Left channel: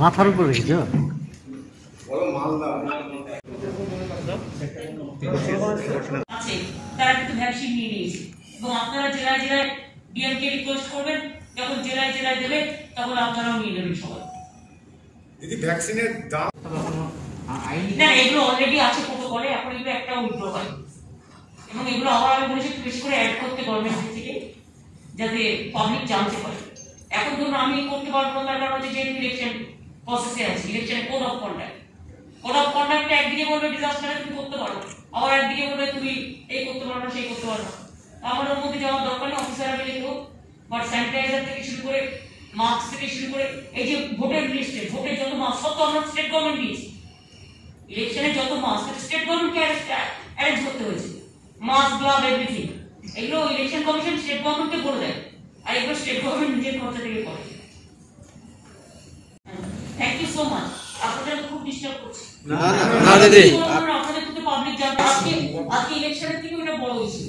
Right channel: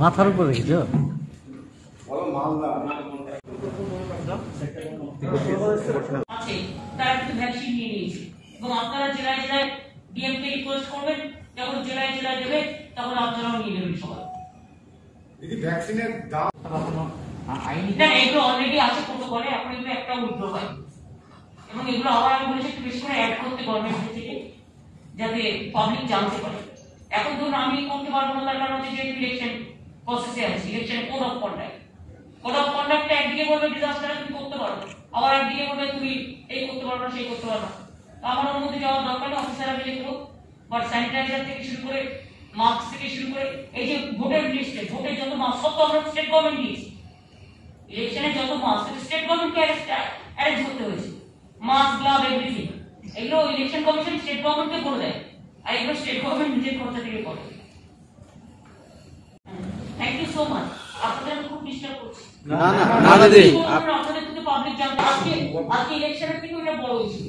মাথার উপর রেখেছ? তারা কিন্তু ভ্যাকসিন নিয়ে নিয়েছে এবং আপনারা জেলায় জেলায় ডিএমকে রিকোয়েস্ট করবেন, যখন জেলায় জেলায় দেবে তখন আপনারাও নিয়ে নেবেন সবাই। দিদি ভ্যাকসিনের দাম না, এগুলো অলরেডি আছে প্রোটোকলে, এখন এগুলো একটা উইথড্র হয় এবং এগুলো আবার আমি বলেছি একটু বেশি করে অ্যাড করতে গভর্নমেন্ট থেকে, যাতে পাবলিক জানতে পারে। এখন ধরুন আমি করতে পারবো না, তার কারণ হচ্ছে যেহেতু ইলেকশন প্রসেসে আছে, ইলেকশনের কোড অফ কন্ডাক্টটা একদিকে বলবে ডিজাস্টারে তুমি করতে পারো, আবার একদিকে বলবে তুমি এই করতে পারো না সেই করতে পারো না। আমার ওর মধ্যে যাওয়ার দরকার নেই, অফিসাররা মিলে করো। বাট স্যানিটাইজার থেকে শুরু করে মাস্ক থেকে শুরু করে এই যে ভোটের লিস্টে ভোটের যত মাস্ক সব তো আমরা স্টেট গভর্নমেন্ট দিয়েছি। ইলেকশনে যত মাস্ক স্টেট গভর্নমেন্টকে অ্যারেঞ্জ করতে হয়েছে, মাস্ক গ্লাভ এভরিথিং এগুলো ইলেকশন কমিশন স্টেট গভর্নমেন্টকে করে দেয়, আর এগুলো স্টেট গভর্নমেন্ট নিজের খরচা থেকে করে। Thank you so much. আপনাদের খুব ডিস্টার্ব করছি না দিদি, আপনাদের কিন্তু পাবলিক জানতে আজকে ইলেকশনের থেকে ওটা বড় ইস্যু।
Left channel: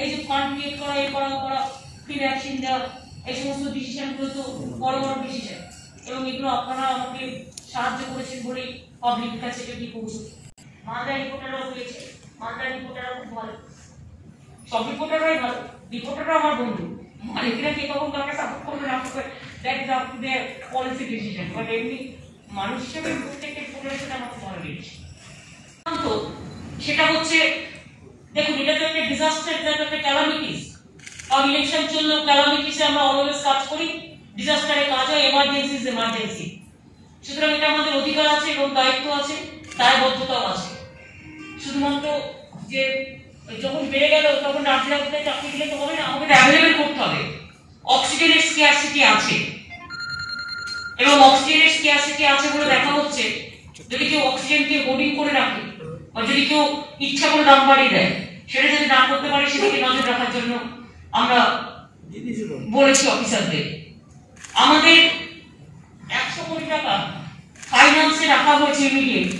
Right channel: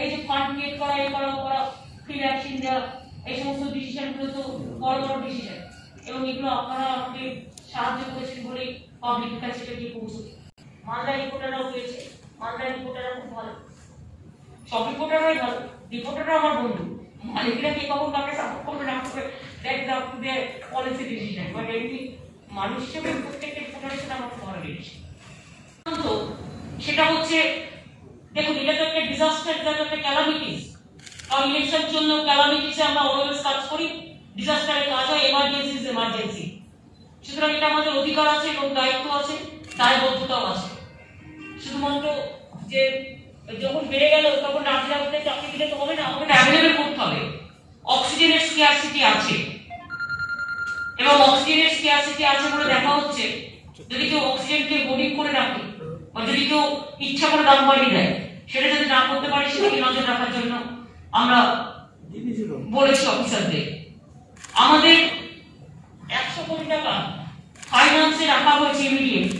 এই যে ফান্ড ক্রিয়েট করা, এই করা ফ্রি ভ্যাকসিন দেওয়া, এই সমস্ত ডিসিশন গুলো তো বড় বড় ডিসিশন এবং এগুলো আপনারা আমাকে সাহায্য করেছেন বলেই পাবলিকের কাছে এটি পৌঁছেছে। মালদা রিপোর্টাররাও পেয়েছে, মালদা রিপোর্টাররা খুব ভালো, সব রিপোর্টাররাই ভালো, রিপোর্টাররা আমার বন্ধু। মালিকরা কে কখন কাউকে সাপোর্ট করবে না করবে that is up to their policy decision, but এমনি মানুষ হিসেবে প্রত্যেকটা রিপোর্টারের সাথে আমার খুব ভালো লেগেছে। তো সেটা হচ্ছে দেখুন, এটা তো একটা ডিজাস্টার, এটা তো একটা ক্যালামিটিস। কারণ ইলেকশন জন্য ক্যালামিটিসে আমরা অলওয়েজ কাজ করি, ডিজাস্টারে কাজ হয়, এমার্জেন্সি ইজ এমার্জেন্সি। সুতরাং এটা আমাদের অধিকার আছে এবং দায়িত্ব আছে, দায়বদ্ধতাও আছে। শুধুমাত্র যে যখন বেড়ে গেল তখন রাজ্যে চাকরি দিলে তো হবে না, আমাকে অ্যাভেলেবেল করতে হবে। অক্সিজেনের স্কেয়ারসিটি আছে এবং অক্সিজেনের স্কেয়ারসিটি আছে বলে দেখা হচ্ছে যদি কেউ অক্সিজেনকে হোর্ডিং করে রাখে বা যদি কেউ ইচ্ছা করে দাম বাড়িয়ে দেয়, সেটা যদি না করতে পারে সেদিকে নজর রাখার জন্য আমরা বলেছি অফিসারদের। আমাদের 100 কোটি টাকা ফাইন্যান্সে রাখা হয়েছে ইমিডিয়েট,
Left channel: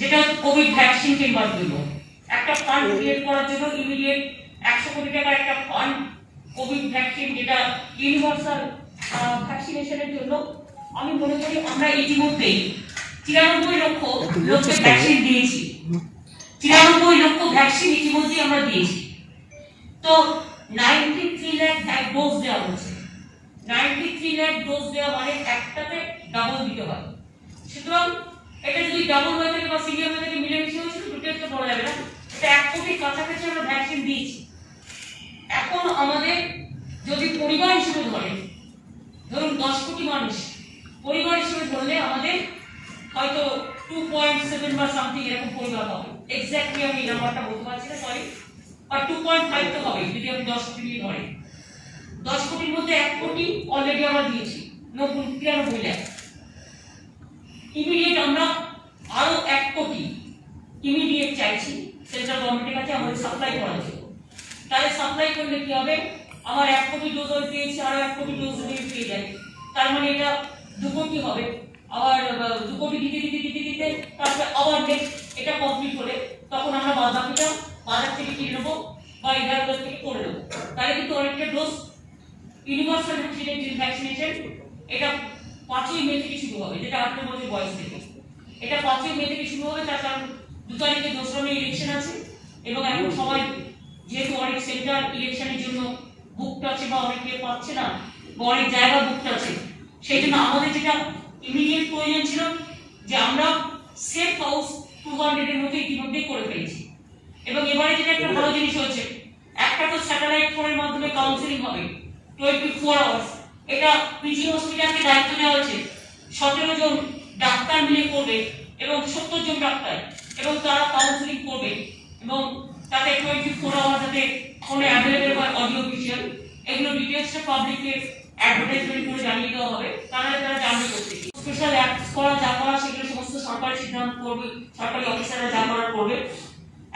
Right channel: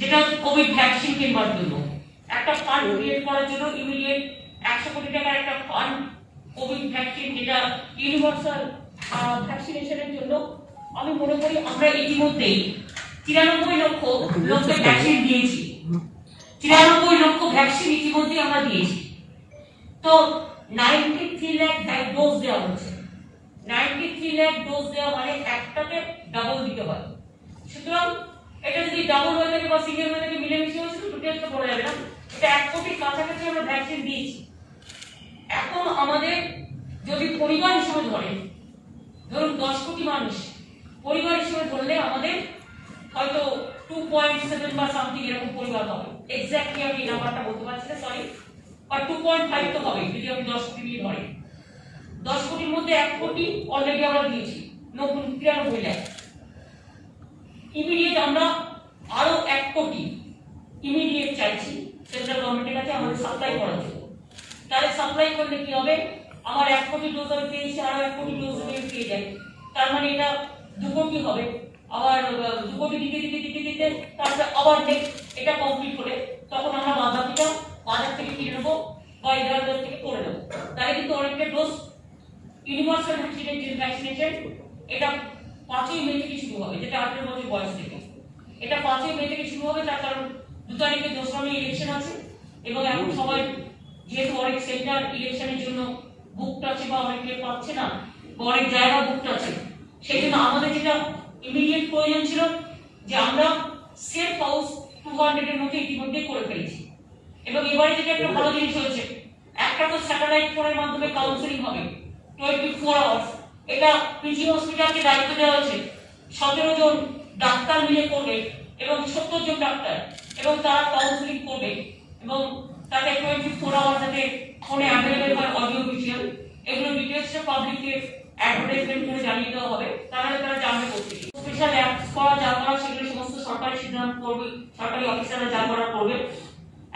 যেটা কোভিড ভ্যাকসিন কিনবার জন্য একটা ফান্ড ক্রিয়েট করার জন্য ইমিডিয়েট 100 কোটি টাকার একটা ফান্ড কোভিড ভ্যাকসিন, যেটা ইউনিভার্সাল ভ্যাকসিনেশনের জন্য। আমি মনে করি আমরা ইতিমধ্যেই 93 লক্ষ লোককে ভ্যাকসিন দিয়েছি, 93 লক্ষ ভ্যাকসিন ইতিমধ্যেই আমরা দিয়েছি। তো 93 লাখ ডোজ দেওয়া হচ্ছে, 93 লাখ ডোজ দেওয়া মানে একটাতে ডাবল দিতে হয়। সুতরাং এটা যদি ডাবল হয়ে থাকে বা সিনিয়র হয়ে থাকে মিলেমিশে হয়েছে তো দুটো তো পড়ে যাবে না, এটা 1 কোটির কাছাকাছি আমরা ভ্যাকসিন দিয়েছি। এখন আমাদের যদি পরিবার হিসেবে ধরেন, ধরুন 10 কোটি মানুষ পরিবার হিসেবে ধরলে আমাদের হয়তো 2.7 বা সামথিং এরকম পরিবার হবে। এক্স্যাক্টলি আমি এই নাম্বারটা বলতে পারছি না, সরি, আর 2.5 তো হবে যদি আমি 10 কোটি নিয়ে ধরি। 10 কোটির মধ্যে 1 কোটি অলরেডি আমরা দিয়েছি, 93 লাখ। ইমিডিয়েট আমরা আরো 1 কোটি ইমিডিয়েট চাইছি সেন্ট্রাল গভর্নমেন্টের কাছে আমাদের সাপ্লাই করার জন্য। তাহলে সাপ্লাই করলে কি হবে, আমার 1 কোটি ডোজ পেয়েছি, আরো 1 কোটি ডোজ পেয়ে যাই, তার মানে এটা 2 কোটি হবে। আবার 2 কোটি দিতে দিতে দিতে দিতে তারপরে আবার নেক্সট এটা কমপ্লিট করে তখন আমরা বাজারটা বাজার থেকে কিনে নেবো বা এগার থেকে করে নেবো। তাহলে কিন্তু অনেকটা ডোজ ইউনিভার্সাল ভ্যাকসিনেশন এটা 5ই মে থেকে শুরু হবে, যেটা 18 বছর বয়স থেকে। এটা 5ই মে থেকে শুরু হবে, তার কারণ 2 তারিখে 2রা মে ইলেকশন আছে এবং এখন সবাই যেহেতু অনেক সেন্টার ইলেকশনের জন্য বুকড আছে বা অনেকে পাচ্ছে না বা অনেক জায়গা বুকড আছে, সেই জন্য আমাদের যেটা ইমিডিয়েট প্রয়োজন ছিল যে আমরা সেফ হাউস 200 এর মধ্যে ইতিমধ্যে করে ফেলেছি। এবং এবারে যেটা একটা ভালো জিনিস হয়েছে, একটা তো স্যাটেলাইট ফোনের মাধ্যমে কাউন্সেলিং হবে 24 আওয়ার্স। এটা পিজি হসপিটালকে দায়িত্ব দেওয়া হয়েছে, 17 জন ডাক্তার মিলে করবে এবং 70 জন ডাক্তার, এবং তারা কাউন্সেলিং করবে এবং তাতে 24 আওয়ার যাতে ফোনে অ্যাভেলেবেল হয় অডিও ভিজুয়াল, এগুলো ডিটেইলসে পাবলিককে অ্যাডভার্টাইজমেন্ট করে জানিয়ে দেওয়া হবে, তারা জানবে করতে। স্পেশাল অ্যাক্টস করা যা করা সেগুলো সমস্ত সরকারি সিদ্ধান্ত করবে, সরকারি অফিসাররা যা করা করবে।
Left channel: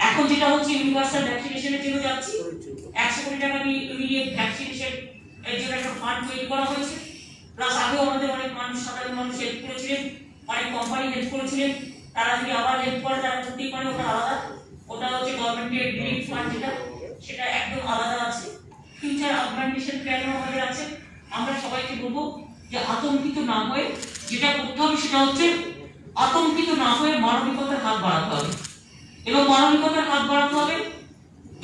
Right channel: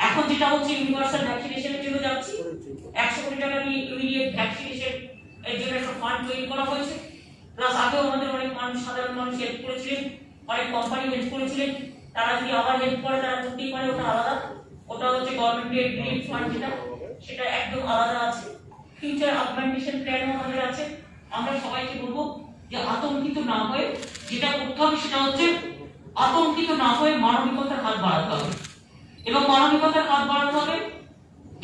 এখন যেটা হচ্ছে ইউনিভার্সাল ভ্যাকসিনেশনের জন্য যাচ্ছি, 100 কোটি টাকা নিয়ে ইমিডিয়েট ভ্যাকসিনেশন এর জন্য একটা ফান্ড তৈরি করা হয়েছে। প্লাস আগেও আমাদের অনেক মানুষ, সাধারণ মানুষ হেল্প করেছিলেন, অনেক কোম্পানি হেল্প করেছিলেন, তারা যদি আবার হেল্প করে তারা করতেই পারে, ওটা আলাদা। ওটা হচ্ছে গভর্নমেন্টের ডিরেক্ট ফান্ড, যেটা সেটা একদম আলাদা আছে। ফিউচার অগমেন্টেশন প্ল্যানও আমাদের আছে। আমরা সবাইকে বলবো যে আতঙ্কিত না হয়ে যেটা করতে হবে সেটা হচ্ছে আতঙ্কিত না হয়ে মানবিকতার হাত বাড়াতে হবে, এবং মানবিকতার হাত বাড়াতে হবে।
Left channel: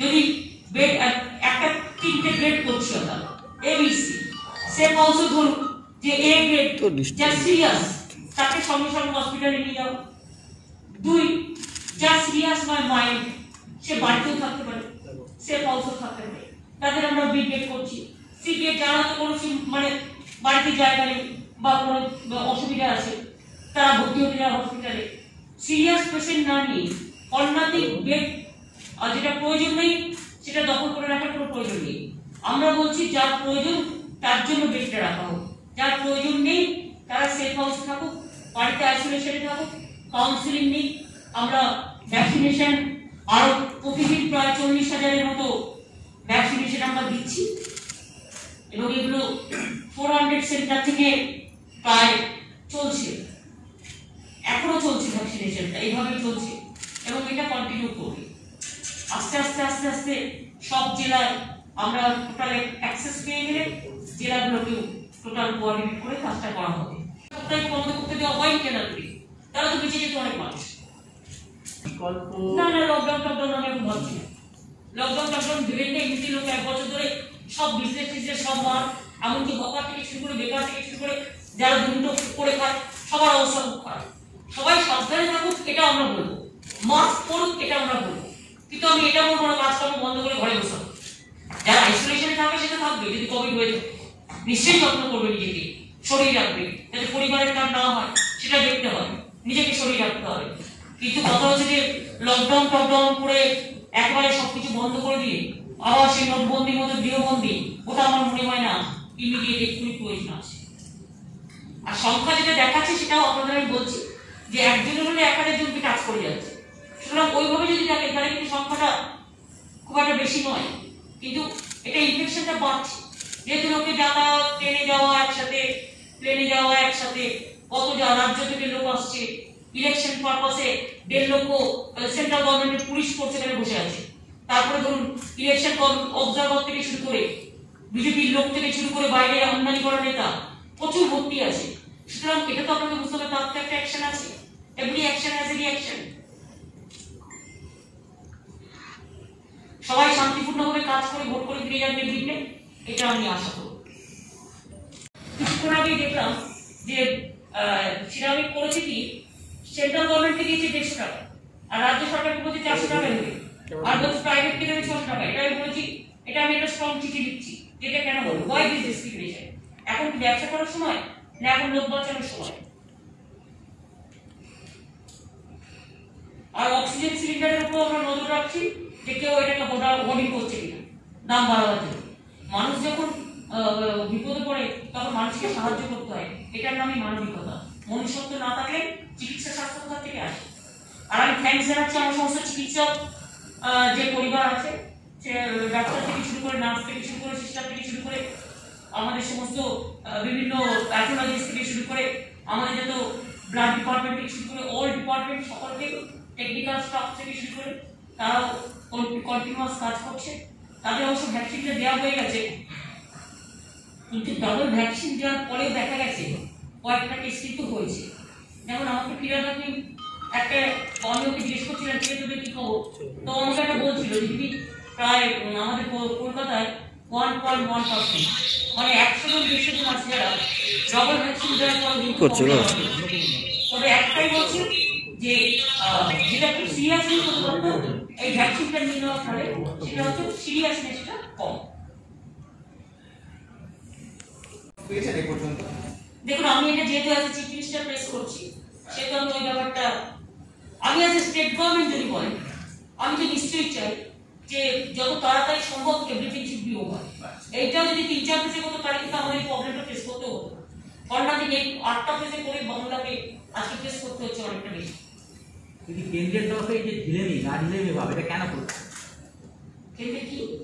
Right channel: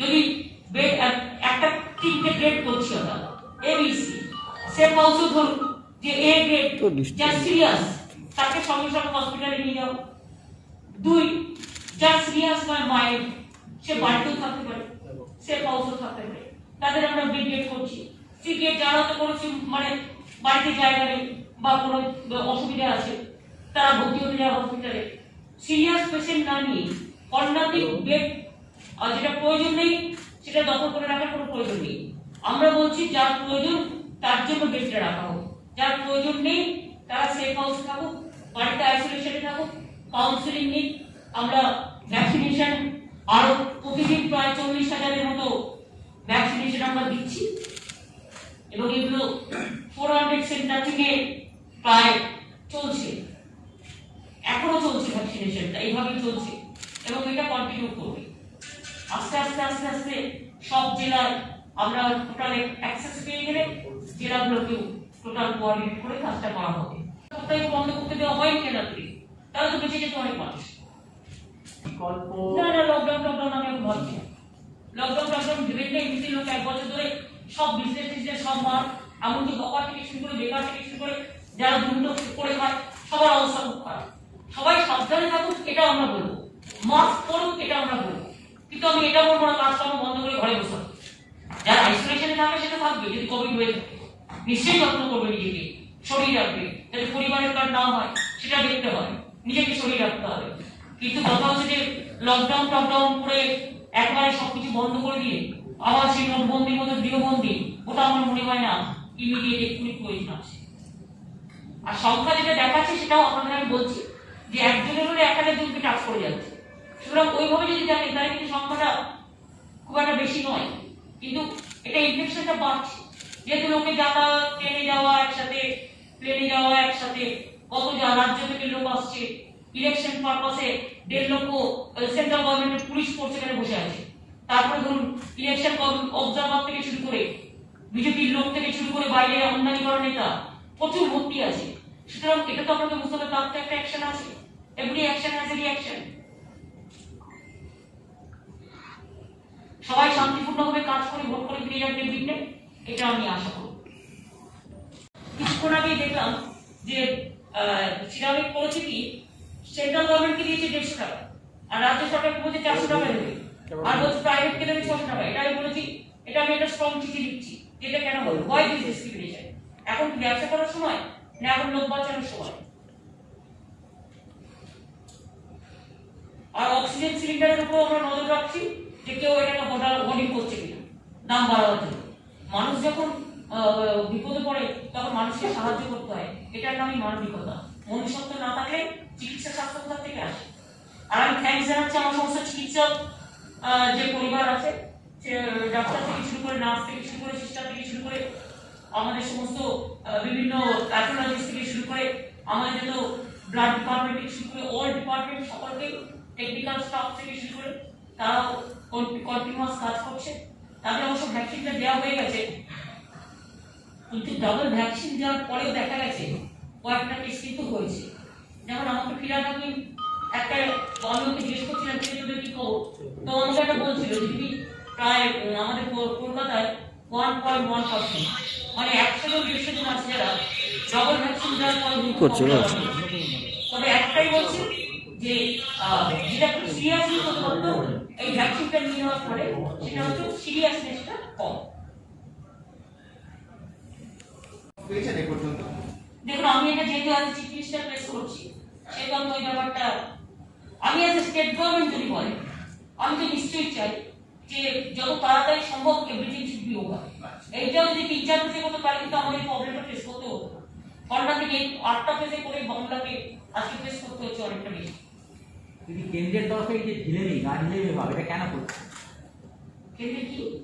যদি বেড একটা 3টে গ্রেড করছি আমরা এবিসি, সেফ হাউসে ধরুন যে এ গ্রেড যা সিরিয়াস তাকে সঙ্গে সঙ্গে হসপিটালে নিয়ে যাও। 2 যা সিরিয়াস নয় মাইল্ড সে বাড়িতেও থাকতে পারে, সেফ হাউসেও থাকতে পারে, তাদের আমরা বি গ্রেড করছি। সি গ্রেড যারা তো কোনো মানে বাড়িতে জায়গা নেই বা কোনো অসুবিধা আছে তারা ভর্তি হতে যায় হসপিটালে। সিরিয়াস পেশেন্ট না নিয়ে অন্যান্য বেড যেটা প্রয়োজন নেই সেটা দখল করে রাখার কোনো প্রয়োজন নেই। আমরা বলছি যার প্রয়োজন তার জন্য বেডটা রাখা হোক, যার প্রয়োজন নেই তারা সেফ হাউসে থাকুক, বাড়িতে আইসোলেশনে থাকুক, কাউন্সিলিং নিক। আমরা ভ্যাকসিনেশন আরো প্রতিদিন প্রায় 40,000-এর মতো ভ্যাকসিনেশন আমরা দিচ্ছি, এবং এগুলো 400 সেন্টার থেকে প্রায় চলছে, এখনো চলছে ভ্যাকসিনেশনটা, এইভাবেই চলছে এবং এটা কন্টিনিউ করবে। আস্তে আস্তে আস্তে আস্তে সব জেলায় আমরা টোটাল অ্যাক্সেস পেয়ে গেলে জেলাগুলোকেও টোটাল কোঅর্ডিনেট করে কাজটা করা হবে। সপ্তাহে বন্ধ করতে দেওয়া হয় কেন? তারা তো বেঁচে যেত অনেক মানুষ। না না, লকডাউন আমি এখন ভাবছি না। লকডাউন ভেবেন না, এমনিতে লোক 1 বছর ধরে সব বিজনেস সব মার, এমনকি বকার থেকে শুরু করে বেকার থেকে শুরু করে যারা দুটো করে খায় সবার অবস্থা খুব খারাপ। সবাই সাবধানে থাকুক এটা আমরা বলবো, মাস্ক পরুক এটা আমরা বলবো, কিন্তু আমি এটা বলবো না কাজকর্ম বন্ধ করে ঘরে বসে। যারা আইসোলেশনে থাকে সেটা থাকবে, যদি কোভিড হয়ে থাকে নিশ্চয়ই যত্ন করবে, নিজেকে শরীর রাখবে, যাতে পরিবারের কাজ না হয় সেটা দেখতে হবে, নিজেকে শরীর রাখতে হবে। কিন্তু কথা হচ্ছে যে লকডাউন করে একবারে সবকিছু বন্ধ করে দিয়ে আবার সেই নোটবন্দির মধ্যে গৃহবন্দী, ওটা আমার মনে হয় না ইমিডিয়েট এক্ষুনি প্রয়োজন আছে। আর সংখ্যা যেটা দেখাচ্ছে সেটাও আপনাদের আমি বলছি যে একজনের হলে 1000 জনকে টাচ করে যাচ্ছে, সুতরাং ওইভাবে যদি দেখেন তাহলে কিন্তু সংখ্যাটা খুব একটা বেশি নয়, কিন্তু এটা ইনফেকশনটা বাড়ছে। যেহেতু লোকে যাতায়াত, ট্রেনে যাওয়া একসাথে, প্লেনে যাওয়া একসাথে, কত রাজ্য থেকে লোক আসছে, ইলেকশন পারপাসে 1.5 লক্ষ সেন্ট্রাল গভর্নমেন্টের পুলিশ ফোর্স এখানে বসে আছে। তারপরে ধরুন ইলেকশন অবজারভার থেকে শুরু করে বিজেপির লোক থেকে শুরু করে বাইরে আমদানি করা নেতা প্রচুর ভর্তি আছে। সুতরাং এটা তো আপনাকে বুঝতে হবে তার তো একটা অ্যাকশন আছে, every action has a reaction. সবাই শান্তিপূর্ণভাবে কাজ করে ভোট করে ফিরে যাবে বিঘ্নে, এটা আমি আশা করব। কিছুক্ষণ আগেই দেখলাম যে সিরামিক করেছে কি সেন্ট্রাল গভর্নমেন্টকে দিয়েছে 150 টাকা, আর রাজ্য সরকারকে বলছে 400 টাকা দেবে, আর বলছে প্রাইভেটকে দেবে 600 টাকা। এটা আমি বলেছি, এটা আমি একটা স্ট্রং চিঠি লিখছি, যেটা কেন বলবো, ওয়াই দিস ডিসক্রিমিনেশন? এখন কি ব্যবসা করার সময় না এখন লোক বাঁচানোর সময়? আর অক্সিজেন সিলিন্ডারের উপর আমরা নজর রাখছি যে কেউ এটাকে হোর্ডিং করছে কিনা দাম বাড়াবার জন্য। মানুষ যখন বিপদে পড়ে তখন মানুষকে সাহায্য করতে হয়, এটার নামই মানবিকতা। মনুষ্যত্ব না থাকলে চিকিৎসা স্বাস্থ্য কোথা থেকে আসে? আর আমি থ্যাঙ্কস জানাচ্ছি আমার সমস্ত চিকিৎসক যে পরিবার আছে, ডাক্তার থেকে শুরু করে, নার্স থেকে শুরু করে, সিস্টার থেকে শুরু করে, আমাদের সমস্ত বিভিন্ন প্যাথোলজিস্ট থেকে শুরু করে, আমাদের যত ব্লাড ডিপার্টমেন্ট থেকে শুরু করে অল ডিপার্টমেন্ট, সকলকে টেকনিক্যাল স্টাফ থেকে শুরু করে তারাও কন্টিনিউয়াস কাজ করছে। তাদের অবশ্য ভ্যাকসিনটা দেওয়া হয়ে গেছে, কিন্তু ডাবল ভ্যাকসিন দেওয়ার পরে দেখা গেছে কয়েকটা কেস কিন্তু হয়েছে। যেমন আমাকে ফিরাদ আপনি একটা অন্যকে জিজ্ঞেস করছিলেন কে তোদের কি খবর, তো আমাকে একটা বলছিল যদি প্রায় আমাদের কলকাতায় 1.1%, মানে 100 জন 150 জন আছে যারা ডাবল ভ্যাকসিন দেওয়ার পরে করছিল। তবে একটাই বলছি যে যেটা খুব সিরিয়াসলি করতে পারতো এই ভ্যাকসিনটা নিয়ে নেওয়ার পরে, সেটা হচ্ছে সিরিয়াসনেসটা কম। দেখুন আমি এটা যেহেতু আজ চিফ মিনিস্টার প্রেস করছি, সেহেতু আমি ওই ব্যাপারটা, আমি আজ স্টেট গভর্নমেন্ট যদি বলেন আমি তো নিশ্চয়ই চাই যে যত তাড়াতাড়ি সম্ভব এভরিথিং শুড বি ওভার। এইটাও যদি 3-4 ফেজে করতো তাহলে কিন্তু আমাদের এই প্রবলেমটা ফেস করতে হতো। কারণ আমি 8টা ফেজে করে বাংলাকে আজকে ফেস করতে হচ্ছে অনেকটা বেশি। কিন্তু কেন্দ্রের তরফে যে ঢিলেমি ভাব এটা কেন করছে?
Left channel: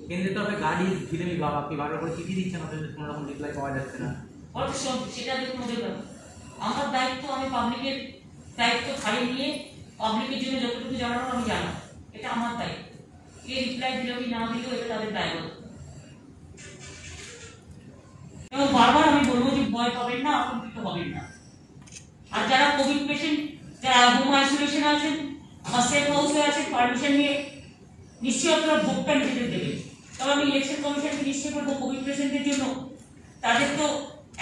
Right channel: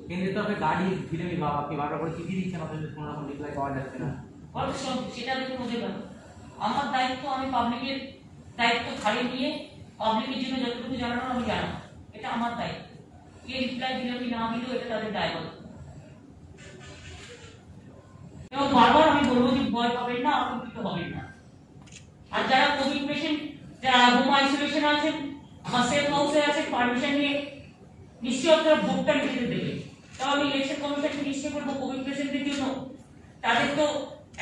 কেন্দ্রের তরফে গাড়ি ঢিলেমি ভাব, আপনি বারবার করে চিঠি দিচ্ছেন, আপনাদের কোনো রকম রিপ্লাই পাওয়া যাচ্ছে না। সেটা দেখুন মনে করেন আমার দায়িত্ব, আমি পাবলিকের দায়িত্ব খালি নিয়ে পাবলিকের জন্য যতটুকু জানানো আমি জানাবো, এটা আমার দায়িত্ব। কে রিপ্লাই দিল কি না দিল এটা তাদের দায়িত্ব। এবং বারবার আমি বলবো যে ভয় পাবেন না, আতঙ্কিত হবেন না। আর যারা কোভিড পেশেন্ট, যারা হোম আইসোলেশন আছেন বা সেফ হাউসে আছেন, পারমিশন নিয়ে নিশ্চয়ই আপনারা ভোটটা নিজেদের দেবেন। তবে আমি ইলেকশন কমিশনকে নিশ্চয় করবো কোভিড পেশেন্টদের জন্য তাদের তো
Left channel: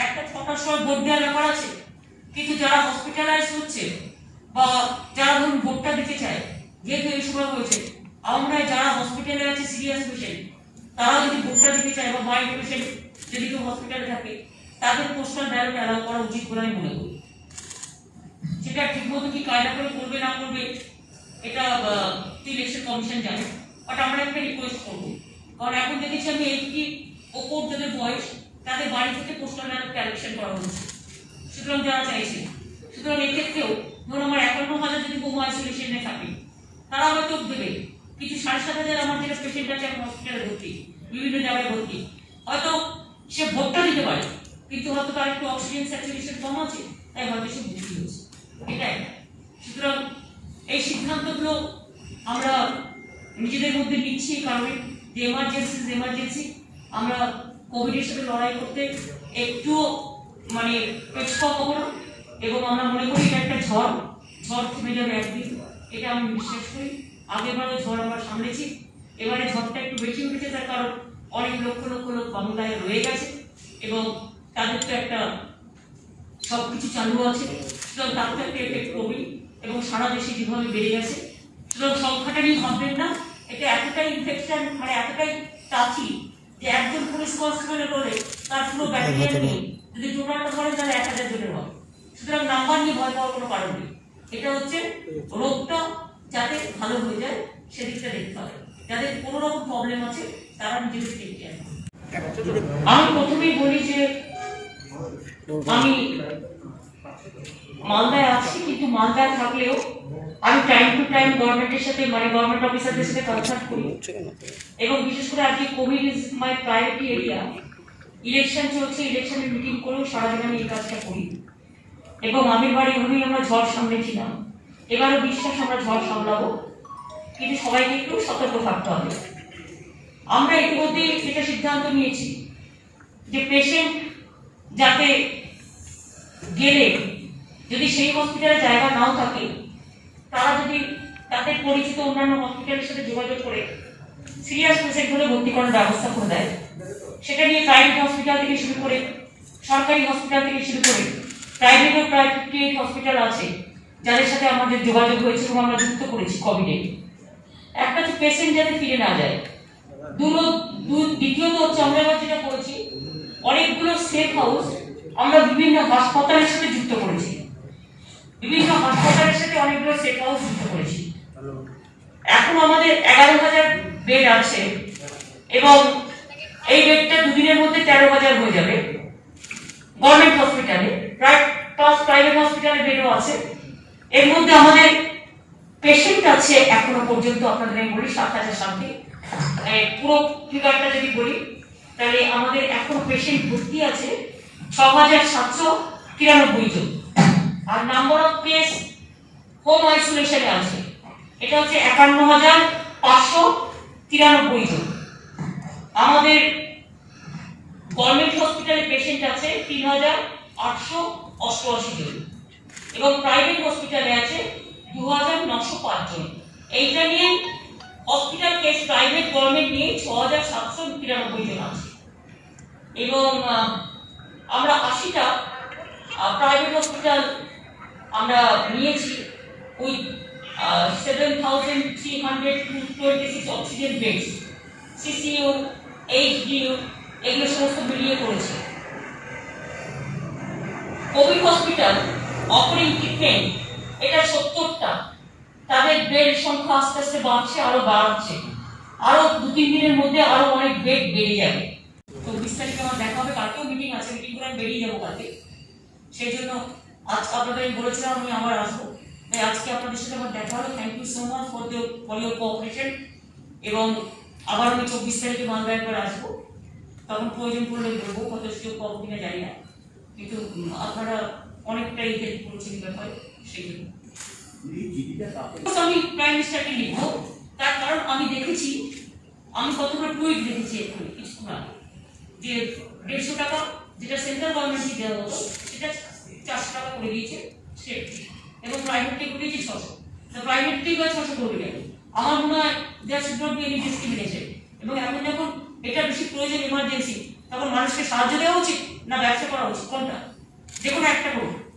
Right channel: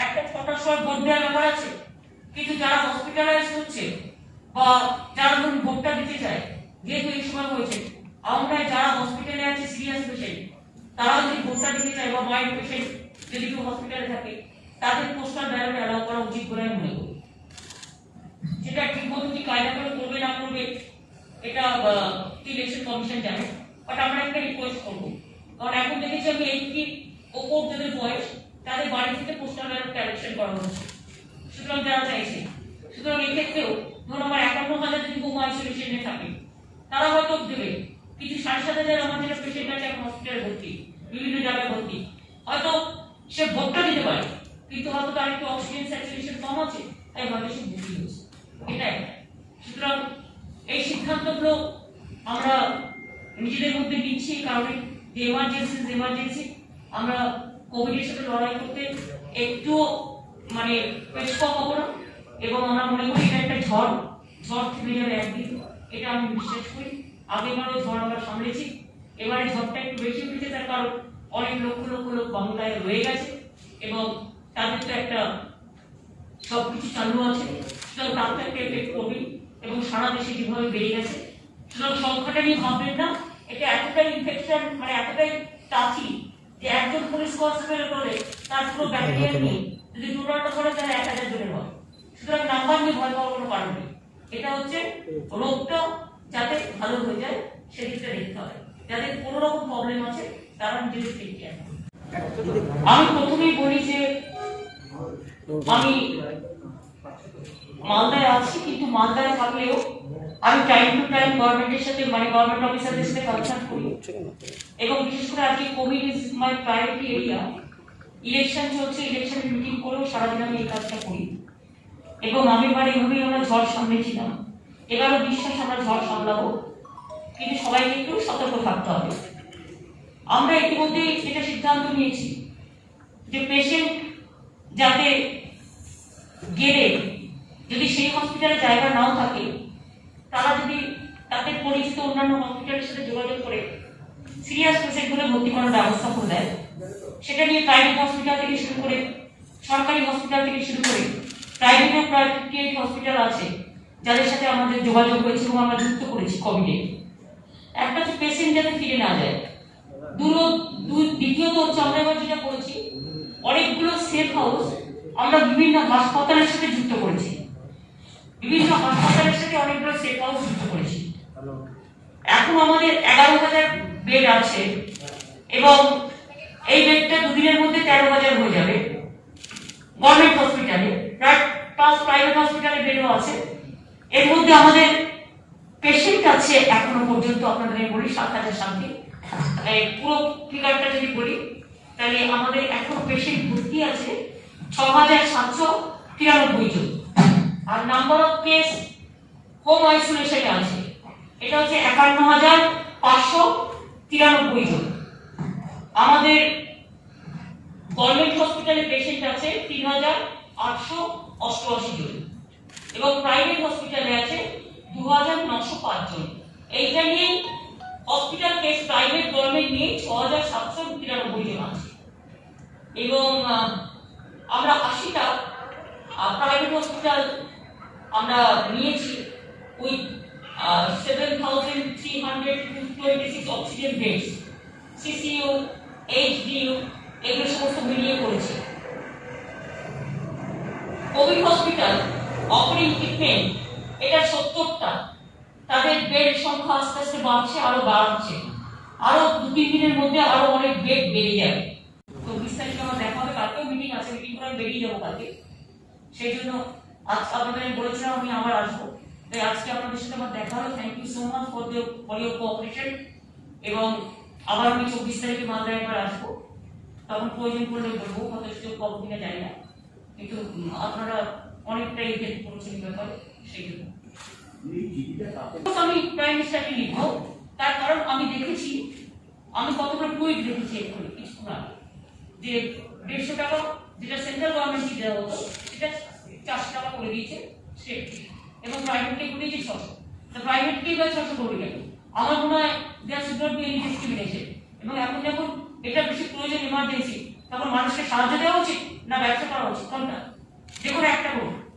একটা 6টার সময় ভোট দেওয়ার ব্যাপার আছে, কিন্তু যারা হসপিটালাইজ হচ্ছে বা যারা ধরুন ভোটটা দিতে চায়, যেহেতু এই সময় হয়েছে, আমরা যারা হসপিটালে আছে সিরিয়াস পেশেন্ট তারাও যদি ভোটটা দিতে চায় বা মাইল্ড পেশেন্ট যদি কেউ হসপিটালে থাকে, তাদের পোস্টাল ব্যালট অ্যালাউ করা উচিত বলে আমি মনে করি। সেটা ঠিকমতো কি কায়দা করে করবে না করবে এটা ইলেকশন কমিশন জানে, বাট আমরা একটা রিকোয়েস্ট করবো, কারণ এখন দেখেছি আমি 80 ওপর যাদের বয়স তাদের বাড়ি থেকে পোস্টাল ব্যালট কালেকশন করা হচ্ছে, সুতরাং যারা চাইছে। সুতরাং এক্ষেত্রেও ধরুন আমার 51,000 যদি হোম আইসোলেশনে থাকে তারা হয়তো দেবে, কিছু 7,500 আমার যেটা পেশেন্ট আছে এখন হসপিটালে ভর্তি, বিভিন্ন জায়গায় ভর্তি, হয়তো সে ভোটটা দিতে পারে, কিন্তু হয়তো তার একটু অক্সিজেন স্যাচুরেশন কম আছে, তাই হয়তো সে ভর্তি হচ্ছে। এটাই। সুতরাং এই সিদ্ধান্তগুলো আমরা নিজেদের মধ্যে নিচ্ছি এই কারণে যে এমার্জেন্সি আমরা কোভিডের সাথে লড়াই করতে একটু মানে পেছপা হবো না, এবং আমরা মনে করি এটা একটা ঝড় থেমে যাবে একদিন, এটা আমি বিশ্বাস করি। আগেবারও ঝড় আমরা সামলেছি, এবারে ঝড়টা একটু বেশি উঠেছে, তার কারণ অনেক লক্ষ লোক বাংলায় রয়ে গেছে এবং তাদের তো একটা সবকিছু চালু আছে, সুতরাং তার তো একটা এফেক্ট করবে এবং সারা দেশে যেভাবে বেড়ে গেছে, সুতরাং সংখ্যাটা নিয়ে ভাববেন না। এটা এতটাই ইনফেকশন মানে এতটাই টাফি যে একজন পুলিশ কনস্টেবলের বলে তার পুরো ব্যাকটেরিয়া নেই, যদি টোটালটা করে তাহলে 1000 জনের হয়। সুতরাং নাম্বার নিয়ে ভয় পাওয়ার কোনো কারণ নেই, এটা হচ্ছে রোগটা যাতে ভালো হয়ে যায় সেদিকটা দেখতে হবে, যাদের কোনো রকম প্রবলেম আছে তারা নিজেদের টেক কেয়ার করবে। আমি প্রথমেই বলি যে আমি মালদায় আছি, কিন্তু মালদায় থাকলেও আমি টাইম টু টাইম গভর্নমেন্টের সাথে মানে গভর্নমেন্ট অফিসারদের সাথে কনসাল্ট করি, এবং বিশেষ করে আজকে Covid is my priority area, election চলছে, ইলেকশনের মিটিং করেও সারাদিন আমি এই কাজটা করি। এবং আমির বাড়ি এভাবেই আমরা ঝড় সামলেছিলাম, এবারও বিশ্বাস আমরা ঝড় সামলাবো, কিন্তু সবাইকে একটু সতর্ক থাকতে হবে। আমরা ইতিমধ্যে এটা সিদ্ধান্ত নিয়েছি যে পেশেন্ট যাতে গেলে যদি সেই হসপিটালে জায়গা নাও থাকে, তারা যদি তাদের পরিচিত অন্যান্য হসপিটালের সাথে যোগাযোগ করে সিরিয়াস পেশেন্টগুলো ভর্তি করার ব্যবস্থা করে দেয়। সেটা নিয়ে প্রাইভেট হসপিটাল থেকে শুরু করে সরকারি হসপিটাল থেকে শুরু করে প্রাইভেট ও প্রাইভেট হসপিটাল আছে যাদের সাথে আমাদের যোগাযোগ হয়েছে এবং আমরা যুক্ত করেছি কোভিডে। একটা হচ্ছে পেশেন্ট যাতে ফিরে না যায়, দ্বিতীয়ত হচ্ছে আমরা এবার যেটা করেছি অনেকগুলো সেফ হাউস আমরা বিভিন্ন হাসপাতালের সাথে যুক্ত করেছি, অনেকগুলো সেফ হাউস যুক্ত করেছি। এখন আমাদের 11,000 বেড আছে এবং এই বেডটা দুদিনের মধ্যে 13,000 হয়ে যাবে গভর্নমেন্ট হসপিটালে, প্রাইভেট হসপিটালে বেডও আছে। এর মধ্যে আমাদের পেশেন্ট আছে এখনো পর্যন্ত আপনাদের আমি বলি 7,000 সামথিং, পুরো ফিগারটা যদি বলি তাহলে আমাদের এখন পেশেন্ট ভর্তি আছে 6,793 জন, আর নাম্বার অফ কেস হোম আইসোলেশনে আছে এটা হচ্ছে 51,593 জন। আমাদের গভর্নমেন্ট হসপিটালে পেশেন্ট আছে 3,888 জন এবং প্রাইভেট হসপিটালে আছে 2,905 জন। এইটা নিয়ে হসপিটাল কেস প্রাইভেট গভর্নমেন্ট নিয়ে 6,793 জন আছে এবং আমরা 80টা প্রাইভেট হসপিটাল আমরা নিয়েছি with 7,326 oxygen beds, CCU, HDU এগুলো সমস্ত মিলিয়ে করেছে। কোভিড হসপিটাল অপারেটিং ট্রিটমেন্ট এটা 70টা, তাদের বেড সংখ্যা আস্তে আস্তে বাড়ছে, আরো বাড়ছে, আরো 2-3 দিনের মধ্যে আরো অনেক বেড বেড়ে যাবে। 24 তারিখে আমার দেখা হবে, কালকেও মিটিং আছে, মিটিং করে বেরিয়ে যাবো কালকে। সেই জন্য আজ আপনাদের আমি বলেছিলাম আমি আবার আসবো, তাই আজকে আপনাদের সাথে আমার দেখা হলো। Thank you so much for your cooperation, এবং আবার আমি 24 তারিখে মালদায় একবার আসবো, তখন প্রয়োজন পড়লে বলবো, কত কেউ কম কিনা জানি না, কিন্তু আপনারা অনেকটাই হেল্প করছেন ব্যাপারে, সেই জন্য আমি প্রাইম মিনিস্টারকে লিখবো। তার কারণ আমি দেখেছি, আমি কতগুলো টুইট দেখেছি এক্ষুনি কিছুক্ষণ আগে, যে 150 টাকা যেটা সেন্ট্রাল গভর্নমেন্ট দেওয়া হতো সেটা 400 টাকা করে দিয়েছে স্টেট এবং প্রাইভেট টেকগুলি যে 600, তো প্রাইভেটকেই বা 600 করে গেল। আমার মনে হয় there should not be any discrimination. এবং এখন যখন এটা বেশি প্রয়োজন, ইমার্জেন্সি, তখন মানুষকে সাহায্য দেওয়া উচিত না ব্যবসা করা উচিত? কোনটা? যে কোনো একটা করুন।